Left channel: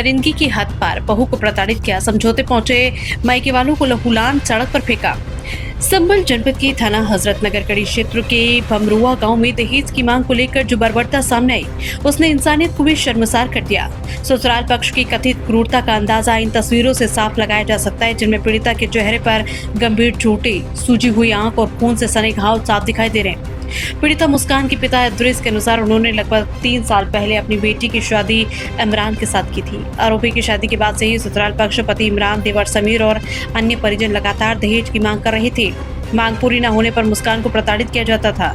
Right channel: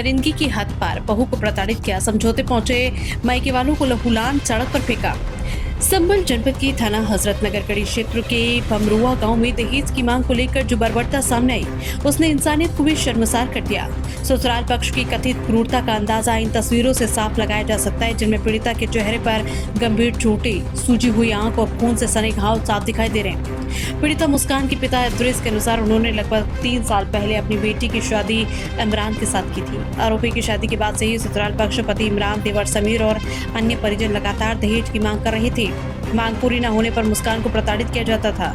दरिंदगी की हद पार, बहू को प्रताड़ित किया, समझौते पहुंचे, मायके वालों को लहूलान सड़क पर फेंका। संभल जनपद के थाना हजरतनगर कड़ी क्षेत्र के भमरुआ गांव में दहेज की मांग को लेकर जो बर्बरता सामने आई, उसने इंसानियत को भी शर्मसार कर दिया। ससुराल पक्ष की कथित क्रूरता का अंदाजा इन तस्वीरों से साफ लगाया जा सकता है, जिनमें पीड़िता के चेहरे पर गंभीर चोटें, सूजी हुई आंख और खून से सने घाव साफ दिखाई दे रहे हैं। पीड़िता मुस्कान के पिता इद्रिस के अनुसार उन्होंने लगभग 3 साल पहले अपनी बेटी की शादी इमरान के साथ की थी। आरोपी की शादी के बाद से ही ससुराल पक्ष पति इमरान, देवर समीर और अन्य परिजन लगातार दहेज की मांग कर रहे थे। मांग पूरी न होने पर मुस्कान को प्रताड़ित किया जाता था,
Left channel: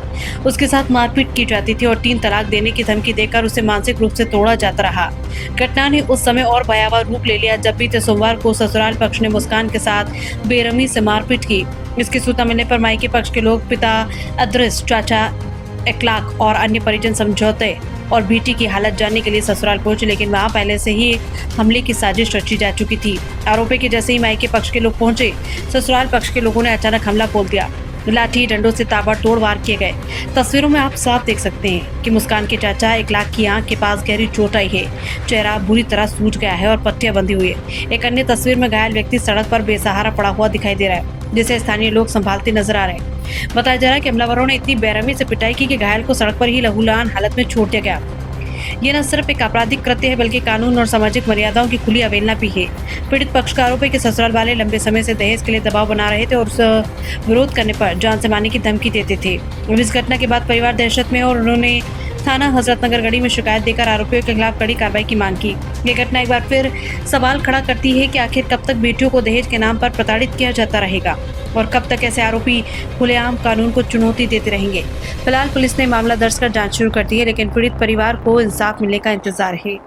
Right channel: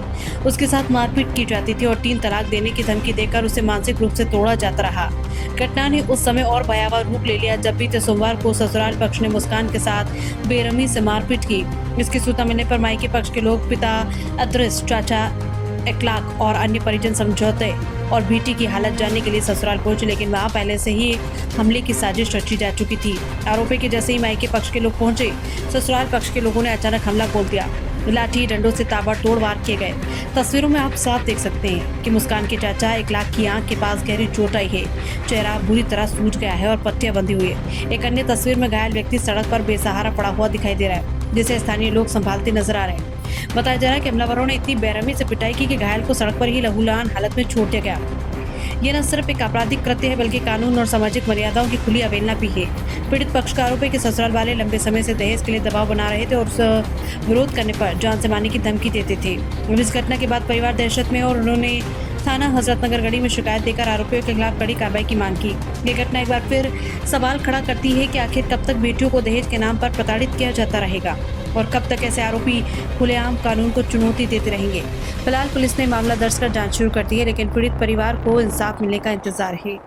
उसके साथ मारपीट की जाती थी और 3 तलाक देने की धमकी देकर उसे मानसिक रूप से तोड़ा जाता रहा। घटना ने उस समय और भयावह रूप ले लिया जब बीते सोमवार को ससुराल पक्ष ने मुस्कान के साथ बेरहमी से मारपीट की। इसकी सूचना मिलने पर मायके पक्ष के लोग पिता इद्रिस, चाचा इखलाक और अन्य परिजन समझौते और बेटी की हालत जानने के लिए ससुराल पहुंचे, लेकिन वहां पहले से ही हमले की साजिश रची जा चुकी थी। आरोपी के जैसे ही मायके पक्ष के लोग पहुंचे, ससुराल पक्ष के लोगों ने अचानक हमला बोल दिया। लाठी डंडों से ताबड़तोड़ वार किए गए। तस्वीरों में आप साफ देख सकते हैं कि मुस्कान के चाचा इखलाक की आंख के पास गहरी चोट आई है, चेहरा बुरी तरह सूज गया है और पट्टियां बंधी हुई है। एक अन्य तस्वीर में घायल व्यक्ति सड़क पर बेसहारा पड़ा हुआ दिखाई दे रहा है, जिसे स्थानीय लोग संभालते नजर आ रहे हैं। बताया जा रहा है कि हमलावरों ने इतनी बेरहमी से पिटाई की कि घायल को सड़क पर ही लहूलुहान हालत में छोड़ दिया गया। ये न सिर्फ एक आपराधिक कृत्य है, बल्कि कानून और सामाजिक मर्यादाओं की खुली अवहेलना भी है। पीड़ित पक्ष का आरोप है कि ससुराल वाले लंबे समय से दहेज के लिए दबाव बना रहे थे और विरोध करने पर जान से मारने की धमकी देते थे। इस घटना के बाद परिवार दहशत में और उन्होंने थाना हजरतनगर गढ़ी में शिकायत देकर आरोपियों के खिलाफ कड़ी कार्रवाई की मांग की। ये घटना एक बार फिर सवाल खड़ा करती है कि आखिर कब तक बेटियों को दहेज के नाम पर प्रताड़ित किया जाता रहेगा और कब तक ऐसे आरोपी खुलेआम कानून को चुनौती देते रहेंगे। फिलहाल पुलिस ने मामला दर्ज कर जांच शुरू कर दी है, लेकिन पीड़ित परिवार को इंसाफ मिलने का इंतजार है।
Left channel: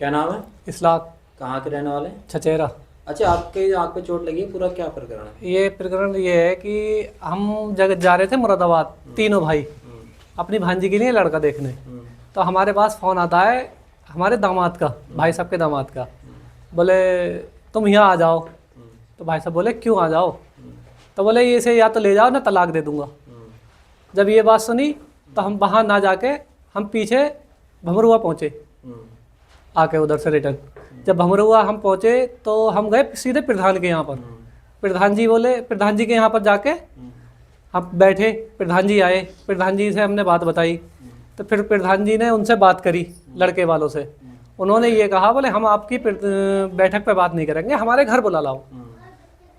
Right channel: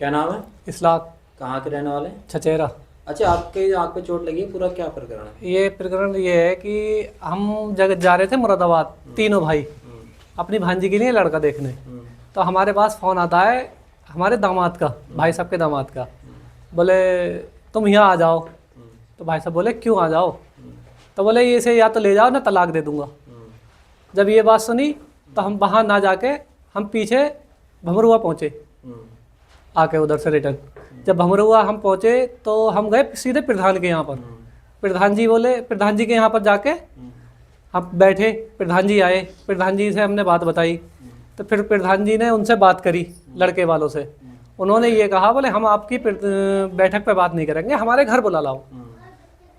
क्या नाम है? इखलाक। कहाँ के रहने वाले? छचेरा। अच्छा, आपके आँख पे चोट लगी है, पूरा क्या प्रकरण है? ये प्रकरण ये है कि हम जगह जा रहे थे मुरादाबाद, तीनों भाई अपनी भांजी के लिए लड़का देखने। तो हमारे पास फ़ोन आता है हमारे दामाद का, भाई साहब के दामाद का, बोले तुम यहाँ आ जाओ। तो भाई साहब बोले क्यों आ जाओ? तो बोले ये से या तो ले जाओ ना तलाक दे दूंगा। जब ये बात सुनी तो हम वहाँ ना जाके हम पीछे भमरुआ पहुँचे, आके उधर से रिटर्न। जब भमरुआ हम पहुँचे तो हम गए सीधे प्रधान के यहाँ पर। प्रधान जी बोले, प्रधान जी के यहाँ पर जाके हम बैठे, प्रधान जी आए, प्रधान जी से हमने बात बताई। तो फिर प्रधान जी ने उनसे बात करी लड़के वालों से। उन्होंने ये कहा बोले हम आपकी बैठक पे बात नहीं करेंगे, हमारे घर बुला लाओ।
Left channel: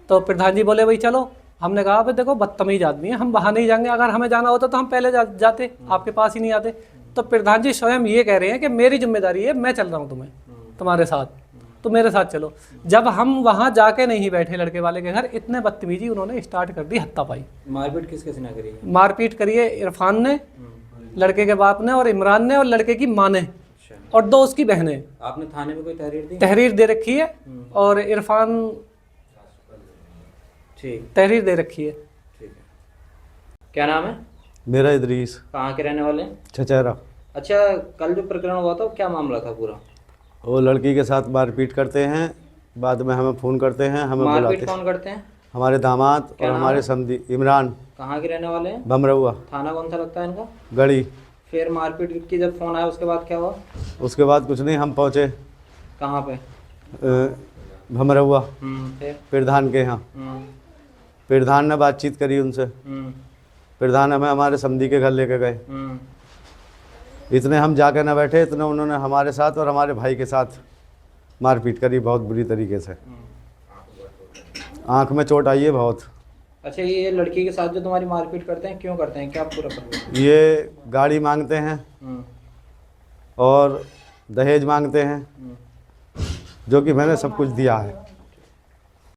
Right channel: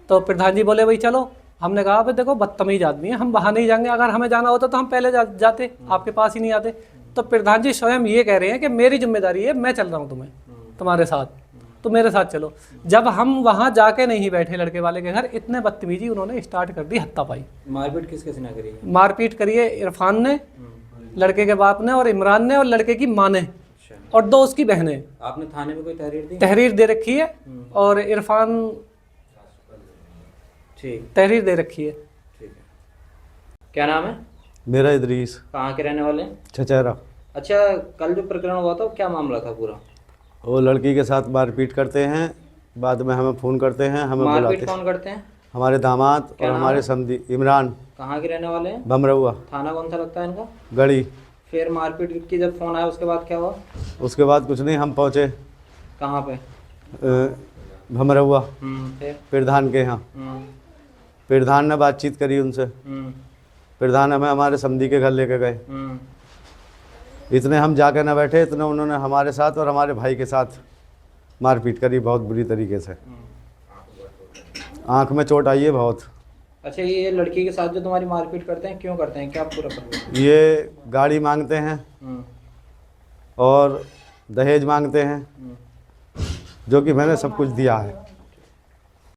तो प्रधान जी बोले भाई चलो। हमने कहा भाई देखो बदतमीज आदमी है, हम वहाँ नहीं जाएंगे, अगर हमें जाना होता तो हम पहले जाते, आपके पास ही नहीं आते। तो प्रधान जी स्वयं ये कह रहे हैं कि मेरी जिम्मेदारी है, मैं चल रहा हूँ तुम्हारे साथ, तो मेरे साथ चलो। जब हम वहाँ जाके नहीं बैठे लड़के वाले के घर, इतने बदतमीजी उन्होंने स्टार्ट कर दी, हत्तापाई। मारपीट किस किस ने करी है? मारपीट करी है इरफान ने, लड़के के बाप ने, और इमरान ने, और लड़के की माँ ने, और 2 उसकी बहनें। आपने थाने में कोई तहरीर दी? तहरीर दे रखी है, और इरफान ठीक तहरीर दे रखी है। ठीक है। क्या नाम है? मेरा इद्रीस। कहाँ के रहने वाले? छचेरा। अच्छा, कल जो प्रकरण हुआ था क्या मामला था पूरा? वो लड़की के साथ मारपीट करते हैं, बाद में हमें फ़ोन करते हैं, हमें बुलाते मारपीट हैं। कौन करते हैं? हमारे दामाद और हमारे समधी। इमरान। कहाँ के रहने वाले हैं? भमरुआ। थाना कौन सा लगता है इनका? गढ़ी। फिर मारपीट की जब फ़ोन आया उसके बाद क्या हुआ? उसके बाद कुछ नहीं, हम पहुँचे कहाँ पे? भमरुआ फिर? प्रधान के यहाँ। प्रधान ने बातचीत करी उनसे। प्रधान हमें हमारे समधी के घर लेके गए। इतने हम जाके न बैठे, इतने उन्होंने हमारे साथ और हमारे भाई के साथ मारपीट करी बहुत बुरी तरीके से। आँख में चोट आई है बहुत। अच्छा, ये लड़की के साथ जो तुम्हारी मारपीट करते हैं क्यों करते हैं, क्या पूरा प्रकरण? ये गाड़ी मांगते हैं और दहेज मांगते हैं, जो कि मैंने सब कुछ दिया है।